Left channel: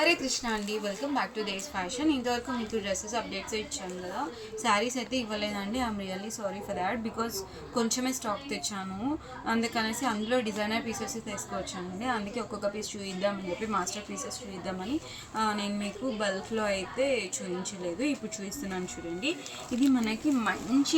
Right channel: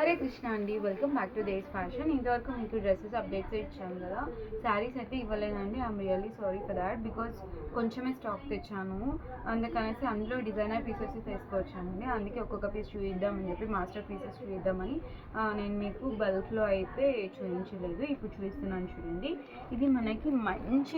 హరే కృష్ణ అండి, welcome back two days fashion. ఇంతవరకు మీకు డ్రెస్సెస్ అప్డేట్స్ ఇచ్చాను కదా, శారీస్ అయితే ఇవ్వలేదండి. I'm really sorry for that because కొంచెమే స్టాక్ తెచ్చాను. అందుకనేసి అందులో డిజైనర్ పీసెస్ తీసుకొచ్చానండి. అందుకే ఒక్కొక్క పీస్ చూద్దామని చెప్పి మాస్టర్ పీసెస్ చూద్దామని నేను మీకు బల్క్లో అయితే చూపించలేదు. ఇప్పుడు చూపిస్తున్నాను చూడండి. ఇది మనకి మంచి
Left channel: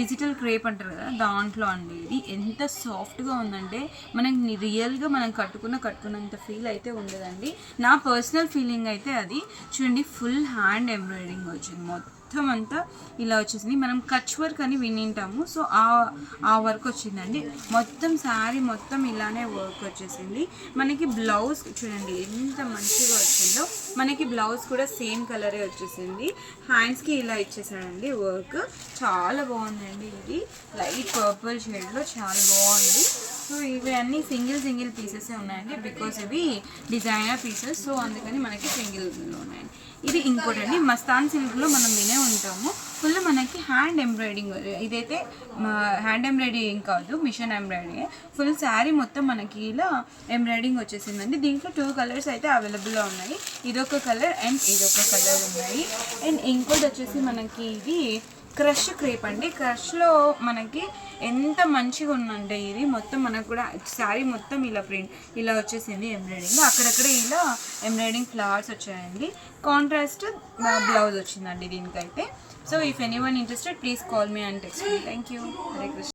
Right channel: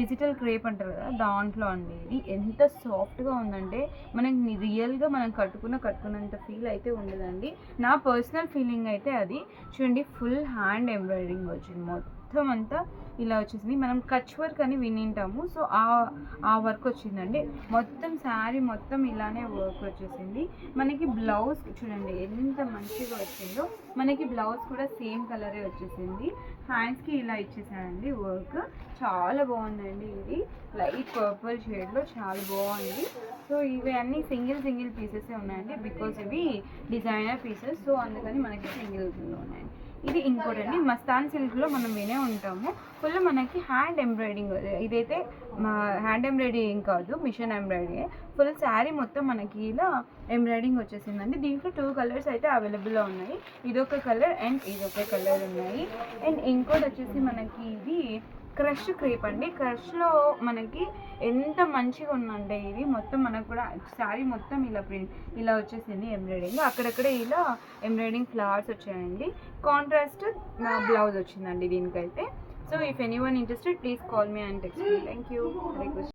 డిజిటల్ క్రేప్ అంటారు కదా, దాంట్లో అండి. ఇది ఎంత సాఫ్ట్గా ఉందంటే మనకి రియల్గా మనం కట్టుకున్నంత ఫీల్ అయితే ఉండదండి. నా పర్సనల్ ఫీలింగ్ అయితే అది. చూడండి, ఫుల్ హ్యాండ్ ఎంబ్రాయిడరింగ్ వచ్చింది, మొత్తం అంతా ఇలా వచ్చేసింది. మనం కచ్ వర్క్ అని వినింటాము, సో ఆ వర్క్ వచ్చిందండి. మొత్తం శారీ మొత్తం ఇలానే వర్క్ వచ్చేసింది. మనకి బ్లౌజ్ చూడండి ఎంత మంచిగా వచ్చిందో. మనకి బ్లౌజ్ కూడా సేమ్ కలరే వచ్చేసింది. హ్యాండ్స్కి ఇలా ఇచ్చేసానండి వర్క్. చాలా బాగుందండి. ఇది లైట్ పర్పుల్ షేడ్లో చాలా బాగుంది. సో ఇవి అన్నీ సింగిల్ పీసెస్ ఉన్నాయండి, బికాస్ ఇవి డిజైనర్ పీసెస్, సో అందుకని మనకి సింగిల్లో ఉన్నాయండి. ఇది ఇంకోటండి, మస్తాన్ సిల్క్లో మనం వినే ఉంటాము. ఫుల్ మనకి హ్యాండ్ ఎంబ్రాయిడింగ్. ఇదైతే హ్యాండ్ ఎంబ్రాయిడింగ్ కాదు, మిషన్ ఎంబ్రాయిడింగ్. ఫుల్ శారీ మొత్తం మనకి ఇలా ఎంబ్రాయిడింగ్ వచ్చేసిందండి. దీంట్లో 2 కలర్స్ అయితే అవైలబుల్లో ఉన్నాయి. ఇదొక కలర్ అండ్ ఇదొక కలర్ ఉన్నాయి. అండ్ ఇంకోటి వచ్చేసి మనకి ఇది క్రష్ క్రేప్ అండి. క్రష్లో మనకి ఎంత మంచిగా ఉందంటే ఇది మొత్తం మనకు కూడా శారీ మొత్తం ఇలా ప్రింట్ ఇలా వచ్చేసింది ఎంబ్రాయిడింగ్. అక్కడక్కడ ఇలా ఎంబ్రాయిడింగ్ ఫ్లవర్స్ వచ్చాయండి. కాంట్రాస్ట్ బ్లౌజ్ వచ్చిందండి దీనికైతే. So if anyone interested please call me and text me. Thank you. Hare Krishna.